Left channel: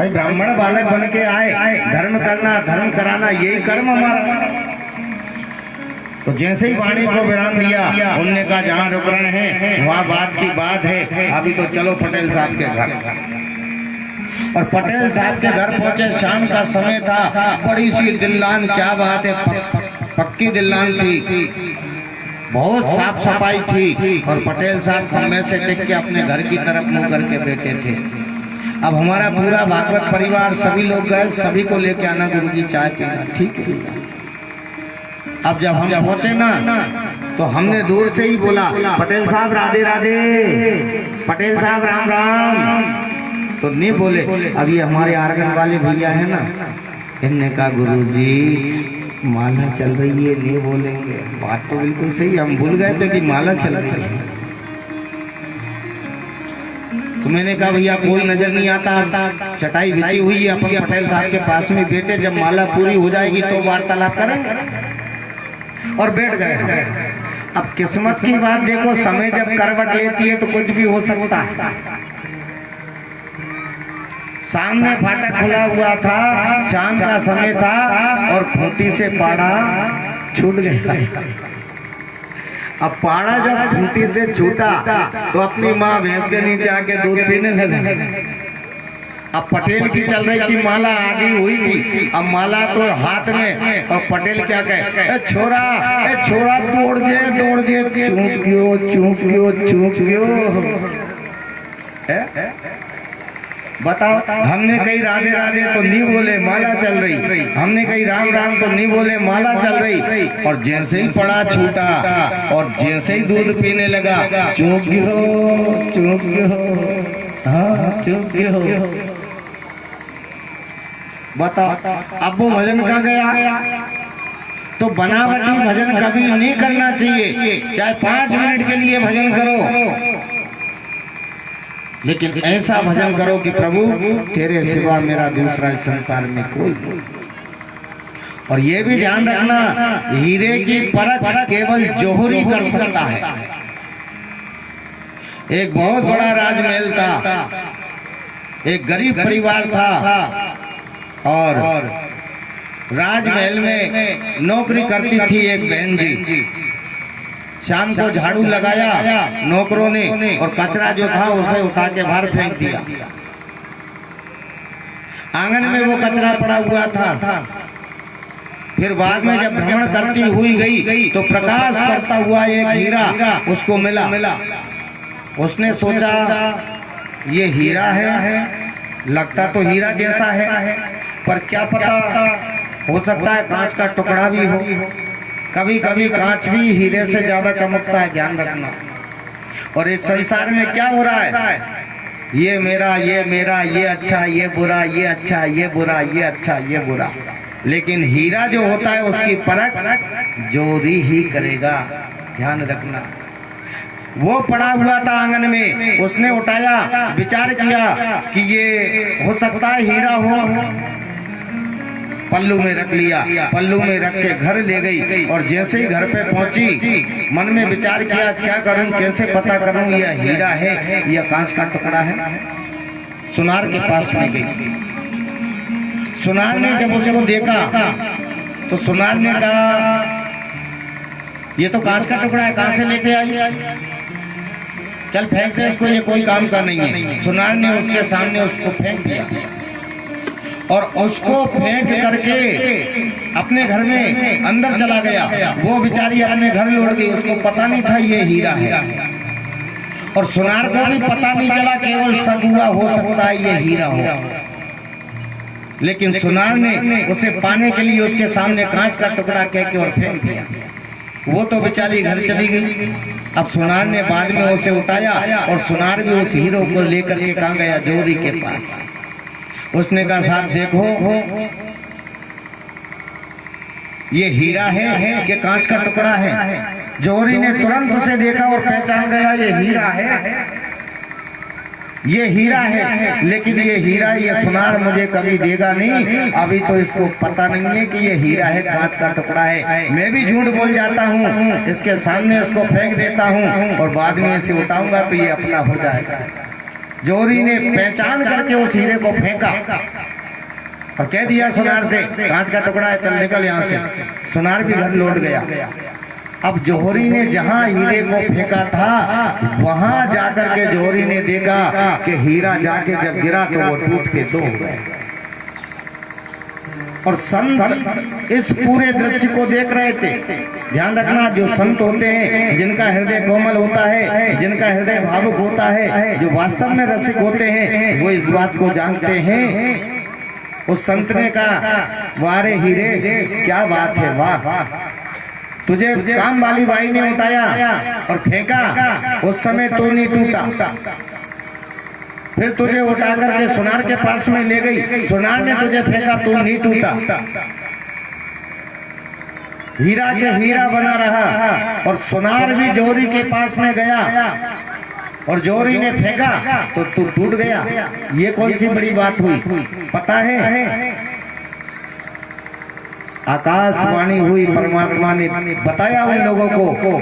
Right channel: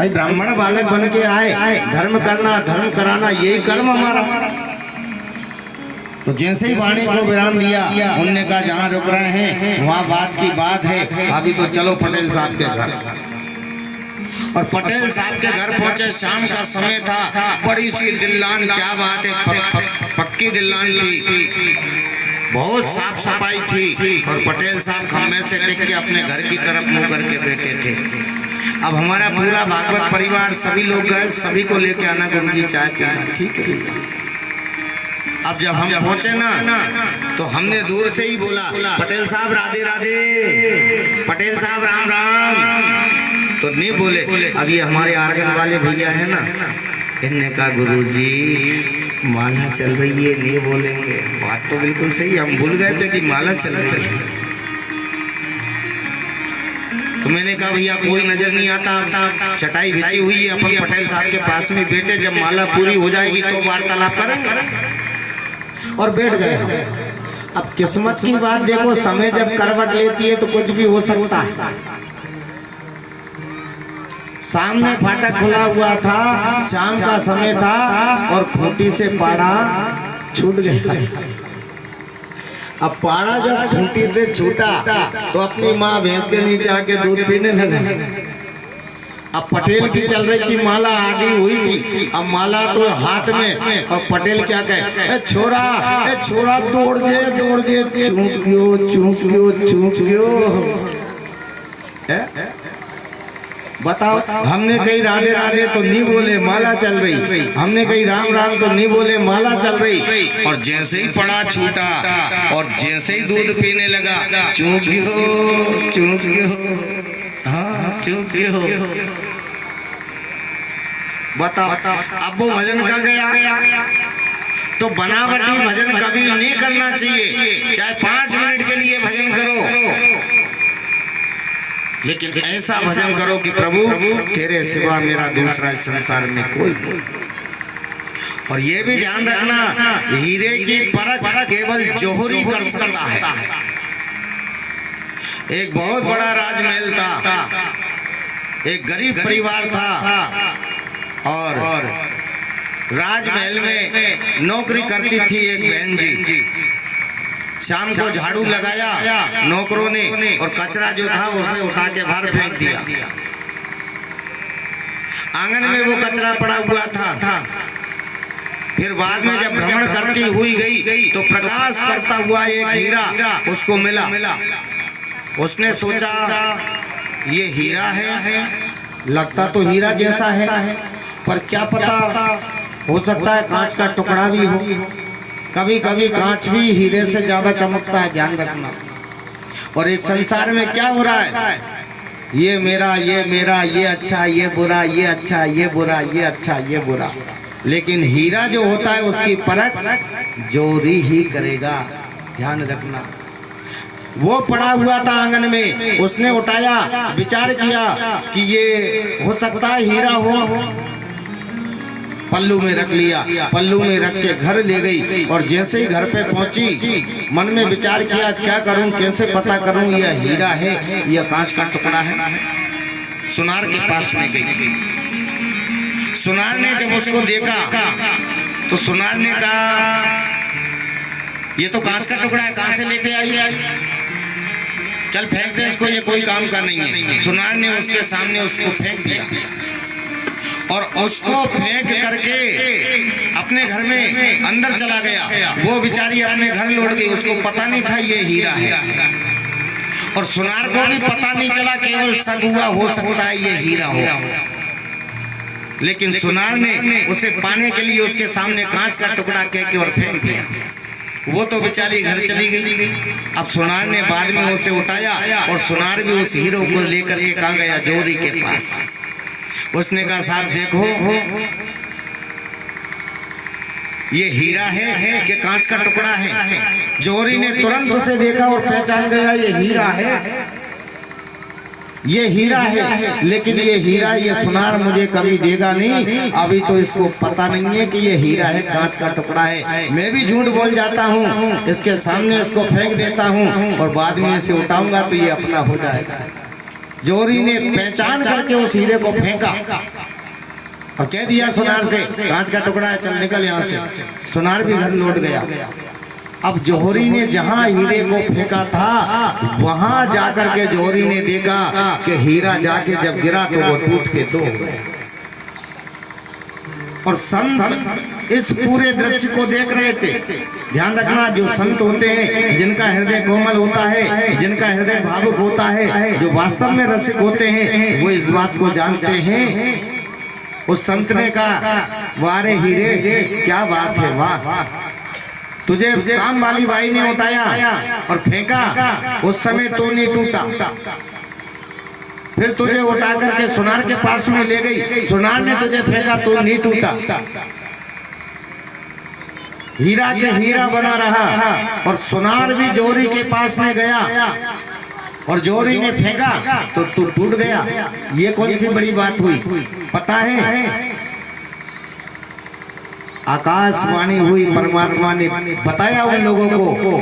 भाई ब्राह्मण बालक बन के आए, धर्म करना धर्म कराना यही कर्म हमारा। तो जैसे ही वाणी को विराम दिया, उनने कहा जहाँ रुक रहे हैं वहाँ बात की बात है, अभी तो चलो पटेल साहब के घर। और पटेल साहब के घर पहुंचे, शाम का समय था, बड़ी सी दिल्लान, क्या बात है, पक्की दिल्लान थी, बहुत साफ सफाई थी। और पटेल साहब खम्भे से टिक के अपने घर की तरफ मुंह करके बैठे थे। अब हमारा पूरा भागवत परिवार सभी लोग गए, सभी को लेके आना गुरुजी चाय पीना, ठीक है। अब जब हम पहुंचे ना तो हमने दूर से ही बोला, पटेल साहब राधे राधे, पटेल साहब राम राम। तो नहीं बोले। अब ये हमारे आर्गन वाले भैया है ना, इनने कहा गुरुजी माला चल रही है, नहीं बोलेंगे। बात तो बिल्कुल सही, हम भूल गए थे कि माला चल रही है। तो मैंने कहा भैया कोई नजर नहीं आता, चटाई बिछी हुई है, अपन पटेल साहब के पास में बैठे, जब माला पूरी हो जाएगी तो वार्तालाप करेंगे। और बैठ गए। अब किस्मत की बात देखो, समय जब करवट लेती है तो कुछ भी हो सकता है। सामने फाटक खुला हुआ था, शाम का समय था, और खूंटी से पाड़ा छूट गया। अब पाड़ा जब खूंटी से छूटा तो अपनी माँ भैंस के नीचे आके दूध पीने लगा। अब पटेल की चल रही थी, माला आगे हुई थी, अब माला तो हाथ में, और पटेल क्या कहे, छोरा दौड़ जे चूक गयो। बताओ, हमने कही राधे राधे तो नहीं बोले, माला चल रही, हमने कही राम राम तो नहीं बोले, माला चल रही। और जैसे ही पड़ा छूटा और जैसे ही दूध पीने लगा, चूक गयो, हाँ चूक गयो। बताओ, अब वो भजन कहाँ गया? तो बनावटी भजन कभी नहीं करना चाहिए, चाहे 5 मिनट के लिए भजन करो, लेकिन ऐसा भजन करो कि प्रभु तेरे सिवा मेरा दूसरा इस संसार में कोई नहीं। और ये भी ध्यान रखना, हीरे की परख केवल जौहरी कर सकता है। एक बहुत बड़ा राजमहल था, एक गरीब परिवार था, और राजमहल में नौकरी करती थी एक बहन जी। शाम को झाड़ू लगाया नौकरों ने, और कचरा जो था उसे उठा के बाहर फेंक दिया। आंगन में वो कचरा पड़ा हुआ था। फिर बाद में जब भ्रमण करती हुई गई तो प्रकाश करता हुआ एक हीरा उसको मिला। उसने सोचा ये हीरा है, लगता तो हीरा जैसा है, पर क्या पता हो सकता है कांच का टुकड़ा भी हो। कभी कभी कांच भी हीरे से ज्यादा चमकता है, ध्यान रखना। और इस संसार में क्या हो रहा है, ये मेरा, ये अच्छा, ये बुरा, ये अच्छा, ये बुरा, ये अच्छा, ये बुरा। लेकिन हीरा जो होता है उसकी परख जोरी ही करेगा, ध्यान रखना। वो पड़ा हुआ था आंगन में, उसने उठाया, विचार किया कि ये हो सकता है हीरा हो, पल्लू में रख लिया, पल्लू में रख के घर ले गई। और जैसे ही घर पे पहुंची, मन में विचार किया क्या करूं, कैसे पता करूं ये हीरा है या कांच का टुकड़ा है। सुनार के पास में गई। सुनार ने जब उसको देखा तो सुनार ने कहा ये तो कांच का टुकड़ा है, कहां से लेके आई, चल फेंक दे इसको, ये कोई काम का नहीं है। सुनार ने उसके सामने उसको फेंक दिया, और उसको फेंक करके अपने घर में अंदर चला गया। वो बेचारी अपने घर लौट गई, उसको पता नहीं था ये हीरा है, और सुनार को भी पता नहीं चला, केवल शक हुआ हो सकता है ये हीरा हो। लेकिन सुनार ने उसे पाने के लिए उसके सामने कांच का टुकड़ा कह के और फेंक दिया। वो तो बेचारी घर चली गई। अब सुनार ने बाद में उसे उठाया, और सुनार भी उस हीरो को लेकर के कहाँ गया, जोहरी के पास। उसने कहा साहब देखो ये हीरा है कि कांच का टुकड़ा है। जोहरी ने तुरंत उसे देखा और पहचान गया ये हीरा है, ये हीरा है। लेकिन ये हीरा, ये सुनार मुझे कभी देगा नहीं, अभी तो इसको पता नहीं है कि ये हीरा है, कांच का टुकड़ा है। मैं भी झूठ बोल जाता हूँ, इसके सामने इसको फेंक देता हूँ, और बाद में इसे उठाऊंगा तो ये अपना हो जाएगा। जोहरी ने पहचान करके उस हीरे को फेंका और कह दिया सुनार से, कांच का टुकड़ा है, चल निकल यहाँ से। सुनार भी घर लौट गया। अब जोहरी ने जहाँ हीरे को फेंका था वहां जाकर के जोहरी ने देखा कि हीरा जाके जब गिरा तो वो टूट के दो हो गया। और संत इस पूरे दृश्य को देख रहे थे। ध्यान रखना, जो संत होते हैं, जिनका हृदय कोमल होता है, जिनका हृदय भावुक होता है, जो वास्तव में रसिक होते हैं, वो इस बात को जानते हैं। उस संत ने कहा, वारे हीरे क्या बात है, वाह, तुझे काम वाली बाई ने उठाया और फेंका, उस समय तो नहीं टूटा, फिर तुझे उठा करके सुनार के पास में ले गई, सुनार ने तुझे फेंका तो नहीं टूटा। हीरा के हीरा बना रहा और सुनार भी जोहरी के पास में गया और जोहरी ने फेंका तो तू टूट गया। ये कौन सी बड़ी बात हुई पता है? आकाशवाणी हुई, परमात्मा ने बताया उन लोगों को।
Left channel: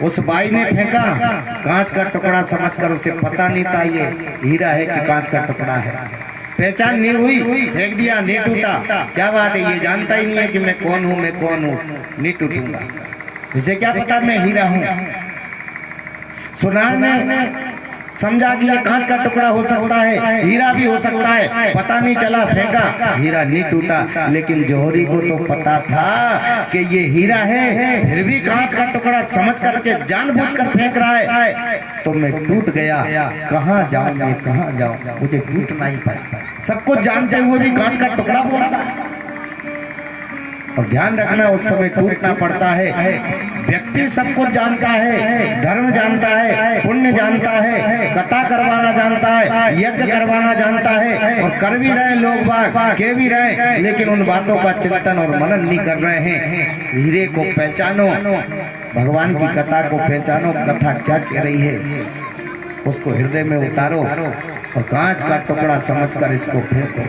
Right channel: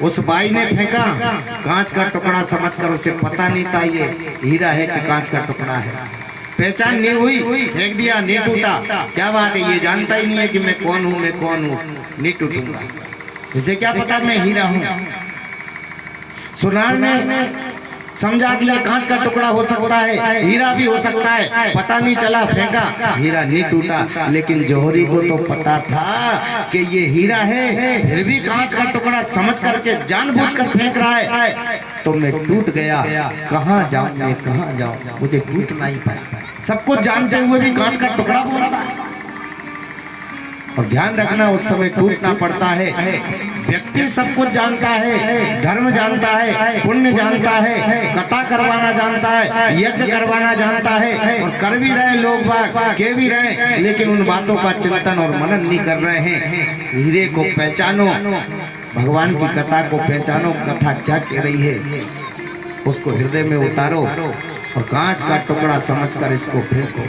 उस बाई ने फेंका कांच का टुकड़ा समझकर, उसे पता नहीं था ये हीरा है कि कांच का टुकड़ा है। पहचान नहीं हुई, फेंक दिया, नहीं टूटा। क्या बात है, ये जानता ही नहीं है कि मैं कौन हूँ, नहीं टूटूंगा। इसे क्या पता मैं हीरा हूँ। सुनार ने समझा कि ये कांच का टुकड़ा हो सकता है, हीरा भी हो सकता है, पता नहीं चला, फेंका, हीरा नहीं टूटा। लेकिन जोहरी को तो पता था कि ये हीरा है, फिर भी कांच का टुकड़ा समझ करके जानबूझकर फेंक रहा है, तो मैं टूट गया। कहाँ जाऊं मैं, कहाँ जाऊं, मुझे टूटना ही पड़ा। सब कुछ जानते हुए भी कांच का टुकड़ा बोलता है। और ध्यान रखना, उस समय टूटना पड़ता है। व्यक्ति सब कुछ जानता है, धर्म जानता है, पुण्य जानता है, कथा करवाना जानता है, यज्ञ करवाना जानता है, और कर भी रहे लोग बाग, के भी रहे, लेकिन उन बातों का चिंतन और मनन नहीं कर रहे हैं। हीरे को पहचानो, भगवान की कथा को पहचानो, कथा क्या कह रही है उसको हृदय में उतारो और कांच का टुकड़ा समझकर इसको फेंको।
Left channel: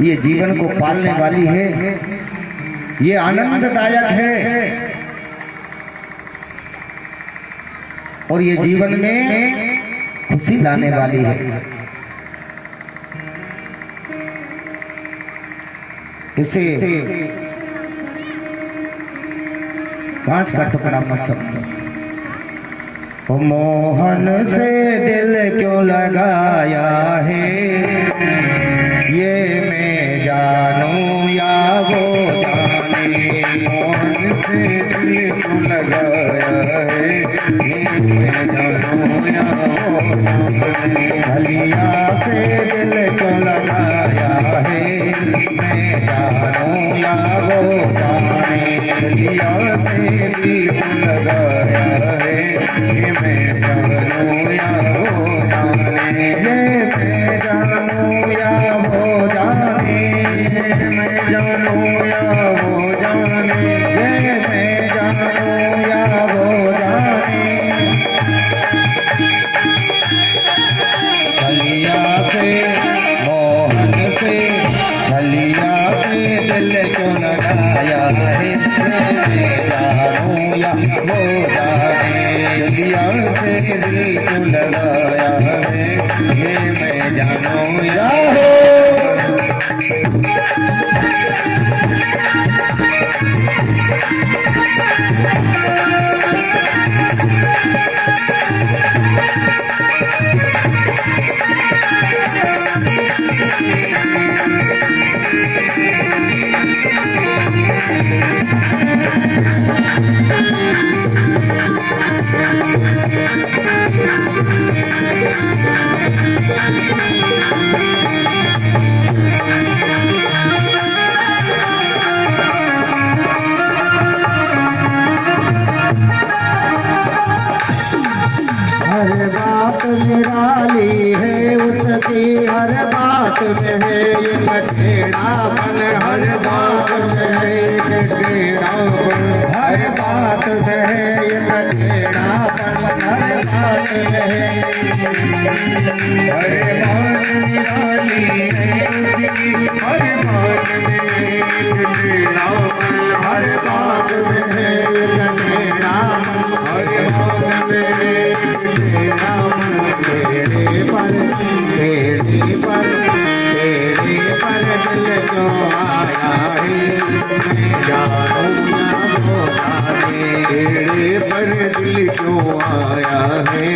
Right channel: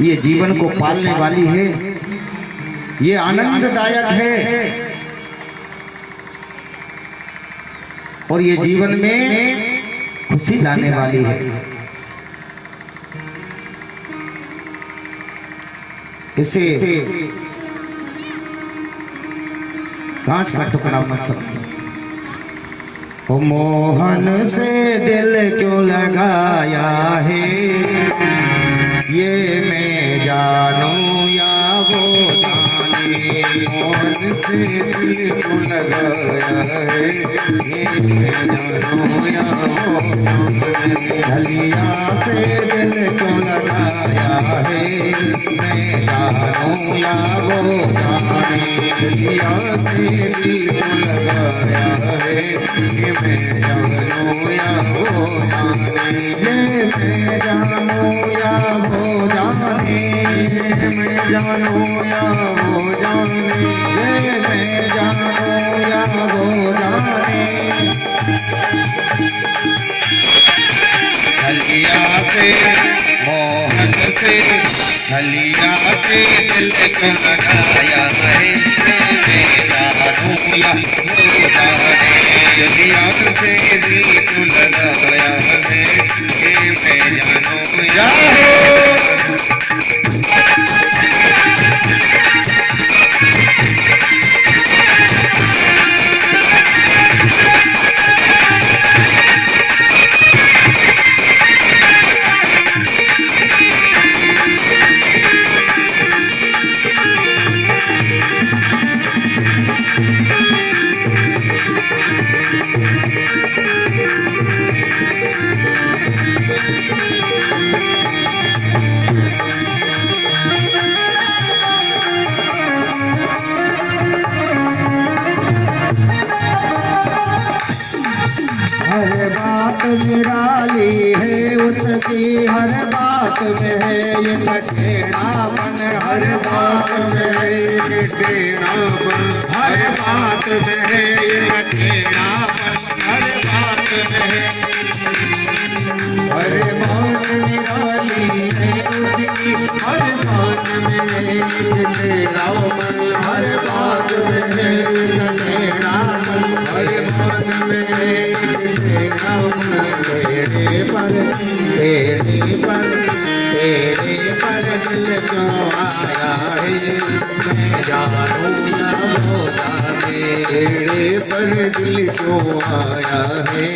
ये जीवन को पालने वाली है, ये आनंददायक है, और ये जीवन में खुशी लाने वाली है। इसे कांच का टुकड़ा मत समझो। ओ मोहन से दिल क्यों लगाया है, ये मैं जानूं या वो जाने। मोहन से दिल क्यों लगाया है, ये मैं जानूं या वो जाने। गलिया से दिल क्यों लगाया है, मैं जानूं या वो जाने। गलिया से दिल क्यों लगाया है, ये मैं जानूं या वो जाने। ये मैं जानूं या वो जाने, मैं जानूं या वो जाने, ये मैं जानूं या वो जाने। गलिया से मोहन से, गलिया से दिल को लगाया है, मैं जानूं या वो जाने। गलिया से दिल को लगाया है, ये मैं जानूं या निराली है, उसकी हर बात में है ये टेढ़ापन, हर बात में है ये टेढ़ापन, हर बात में है ये टेढ़ापन, हर बात में है। हर बात निराली है, उसकी हर बात में है ये टेढ़ापन, हर बात में है ये टेढ़ापन, हर बात में है ये टेढ़ापन, दिल क्यों आया है मैं जानू ना वो जाने बेड़े पर दिल क्यों आया है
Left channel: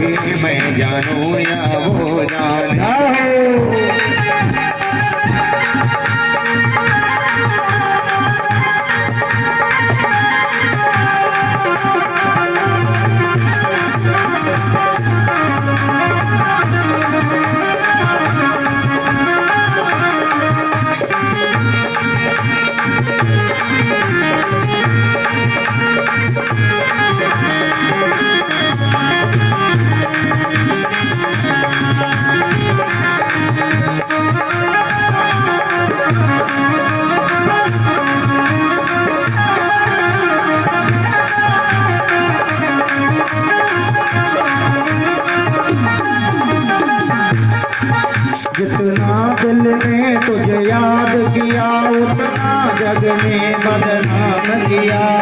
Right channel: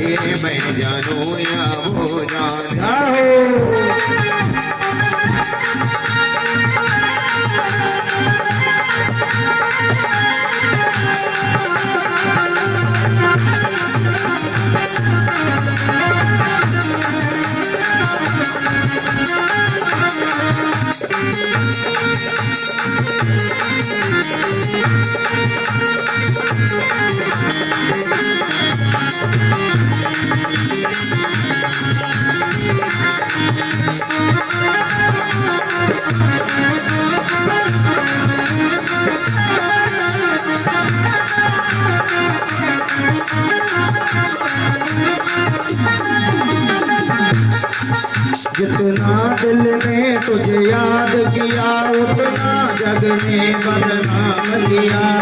ये मैं जानू या वो जाना है। जितना दिल में तुझे याद किया उतना जग में बदनाम किया।